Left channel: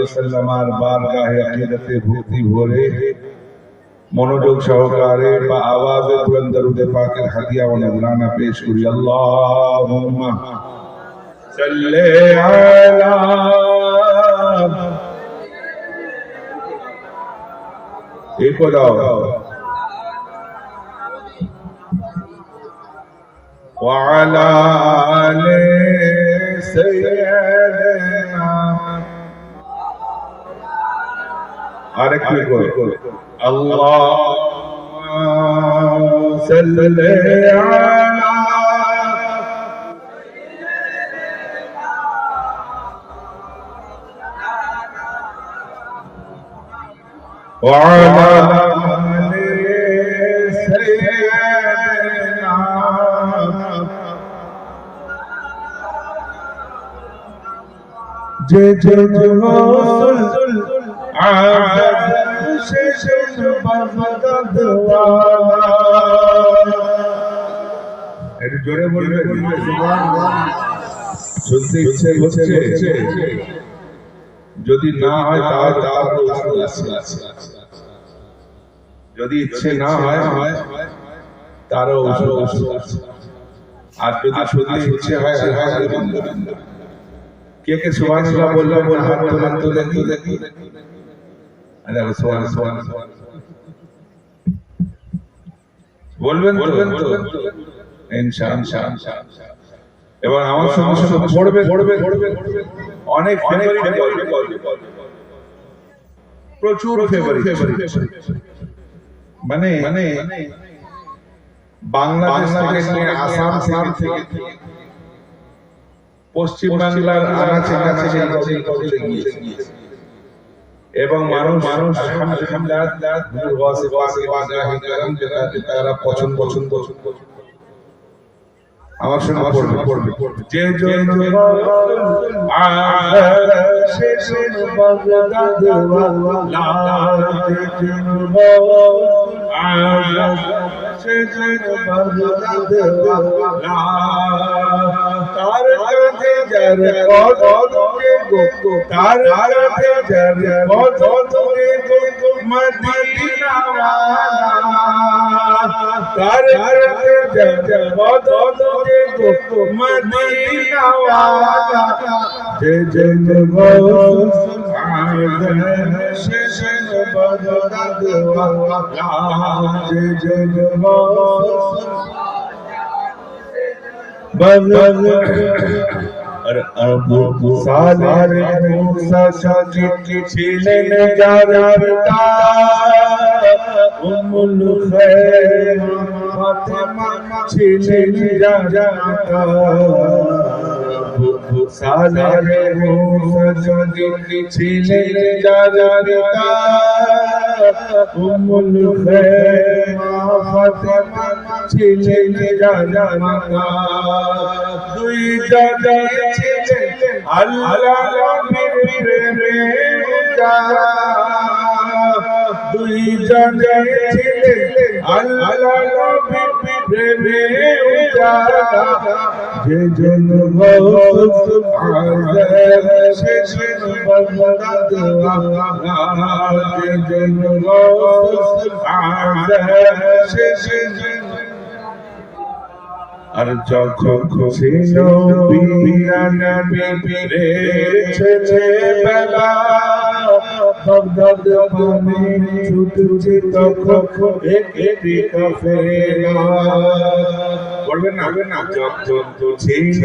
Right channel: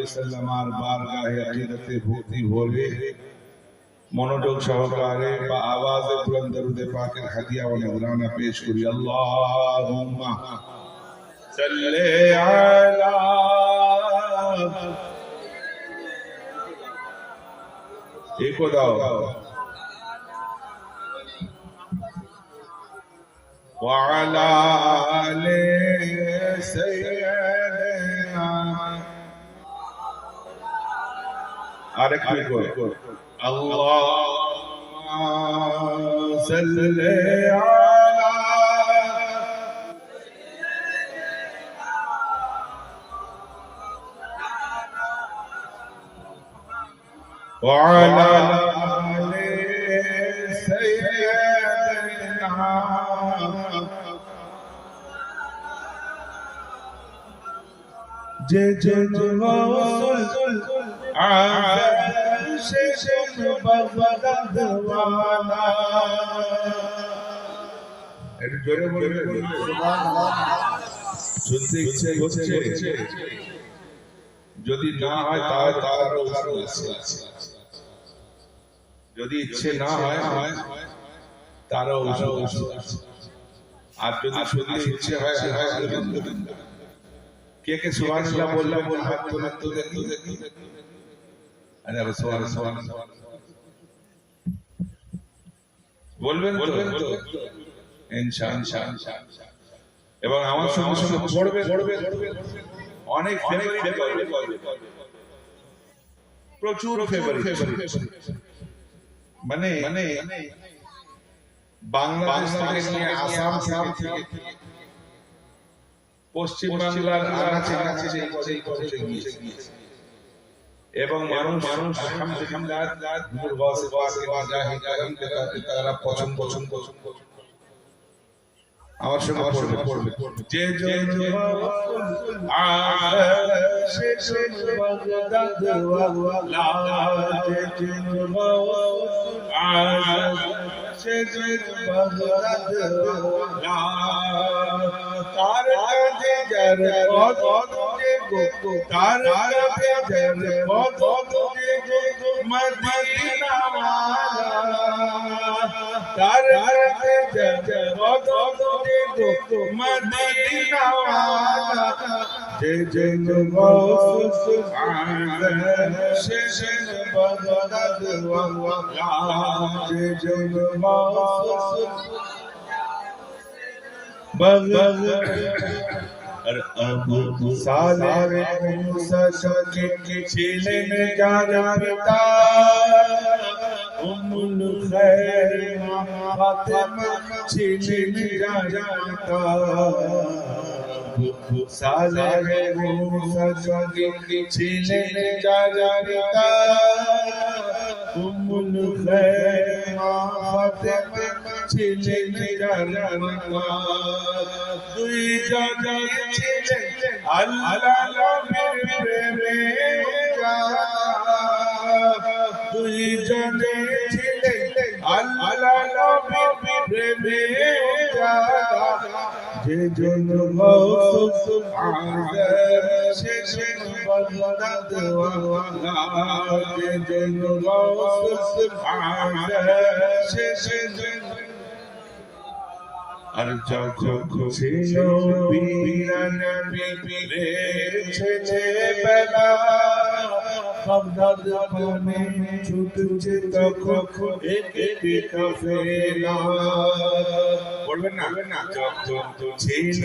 ওয়াসাল্লামের বারগাহে আকিদাতে ভক্তি ভরে মনোযোগ সহকারে বা আওয়াজে বুলন্দ দরুদ পাকের হাদিয়া ও নজরানা পেশ করি। আল্লাহুম্মা সাল্লি আলা একো দাও ওয়া আলা আলি সাইয়্যিদিনা আরেকটু করো আল্লাহুম্মা সাল্লি আলা ওয়া আলা আলি সাইয়্যিদিনা যে যে রাসূল আযাদ শেষ বাগদাদ ওয়ালা একটু জোরে বলবেন সুবহানাল্লাহ। শুনতে ইচ্ছে হচ্ছে, যদি না হয় তাহলে যদি ইচ্ছে না হয় তারও ওষুধ আছে, আর যদি শুনতে ইচ্ছে হয় আলহামদুলিল্লাহ। কে কে সুবহানাল্লাহ বলবেন? হাত তোলেন তো দেখি। আরে সুবহানাল্লাহ বলবেন তো ইনশাআল্লাহ। এবং আমার সঙ্গে পড়বে অনেক প্রচুর ফেভারিট, মানে বাংলাদেশ থেকে আসাম থেকে পশ্চিম বাংলার আনাচে কাছে এবং মানুষ আলহামদুলিল্লাহ তারা পছন্দ আমার সঙ্গে পড়বে যে তার কাছে যার পদকে গো তার কাছে যার পদকে গো মদিনা ওয়ালা তার কাছে যার পদকে গো মদিনা ওয়ালা যে যে গৌসুল আযম শেষ বাগদাদ ওয়ালা যে যে গৌসুল আর আবু সালেহ মুসা শাকি ছিলেন যার পিতা উম্মুল খায়র ফাতেমা ছিলেন যার পিতা আবু সালেহ মুসা শাকি ছিলেন যার পিতা উম্মুল খায়র ফাতেমা ছিলেন যার পিতা দুই জায়গায় ছিলেন আল্লাহ নবীর প্রেমে উজালা দুই জায়গায় ছিলেন আল্লাহ নবীর প্রেমে উজালা যে জন গৌসুল আযম শেষ বাগদাদ ওয়ালা যে জন গৌসুল আযম শেষ আর যখন ছিল বিনা নবীর ছেলেবেলা বাগদাদ পানে ছুটছে তখন একটি কাফেলা পড়বেন না যখন ছিল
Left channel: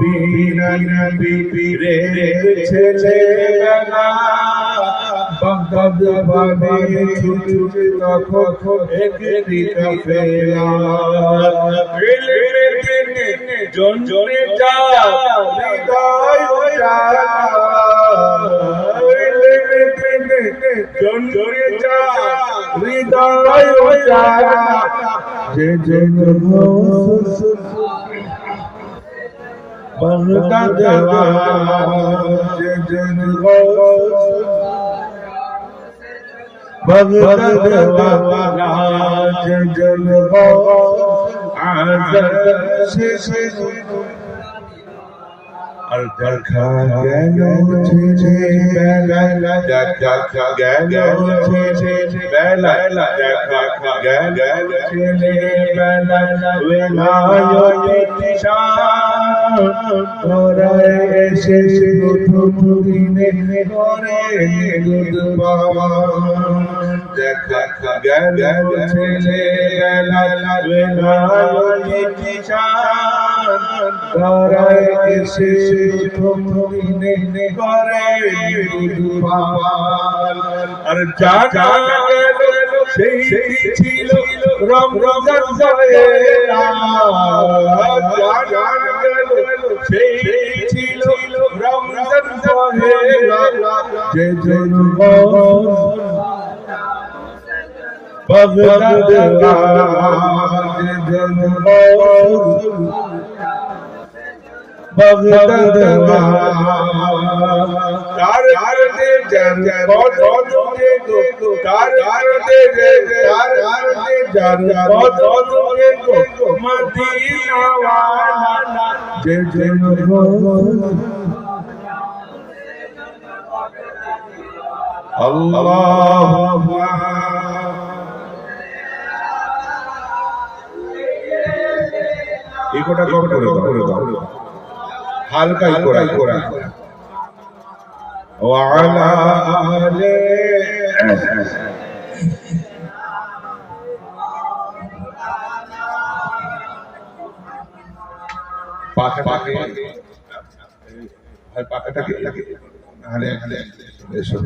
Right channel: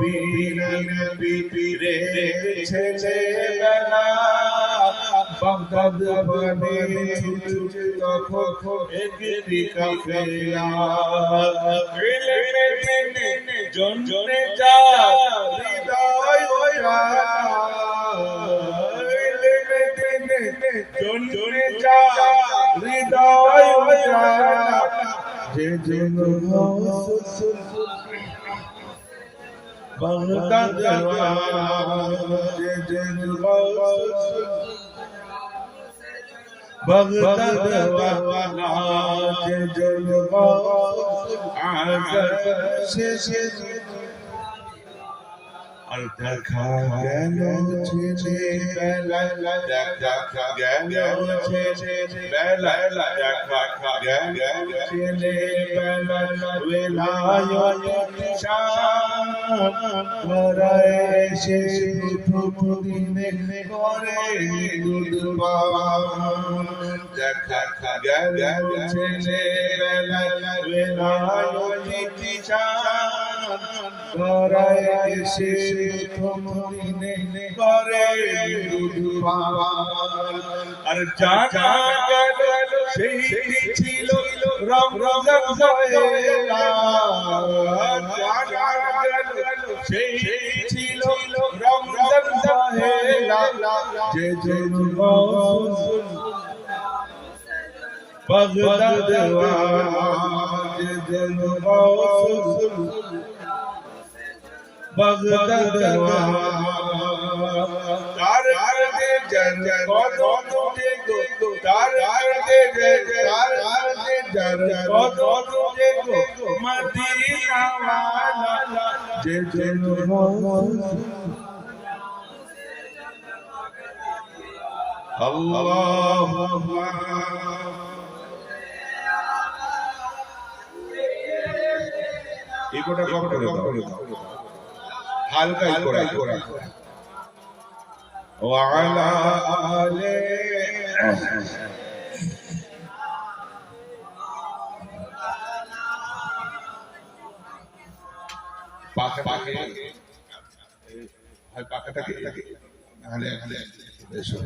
বিনা নবীর ছেলেবেলা বাগদাদ পানে ছুটছে তখন একটি কাফেলা জনজনে যা হৃদয় উজালা জনজনে যা হৃদয় উজালা যে যে গৌসুল বাগদাদ ওয়ালা যে যে গৌসুল বাগদাদ ওয়ালা যে যে গৌসুল আযম শেষ আর দেখা গেল ছেলে বেলায় দেখা গেল ছেলে বেলায় দেখা গেল ছেলে বেলায় বেলায় শান ধরায় এসে প্রথম দিনে করে দুধপান দেখা গেল ছেলে বেলায় বেলায় শান ধরায় এসে প্রথম দিনে করে দুধপান আর জানা গেল সেই ছিল রমজান জানা গেল সেই ছিল রমজান যে জন্য বাগদাদ যে জন্য বাগদাদ তার দে জান কদম দে গো তার দে জান কদম দে গো মদিনা ওয়ালা যে জন্য আল্লাহু ইকোটা কম করে দাও হালকাই করা ওয়ালা আলে পাখাটাকে হয় পাখাটাকে আলে এসো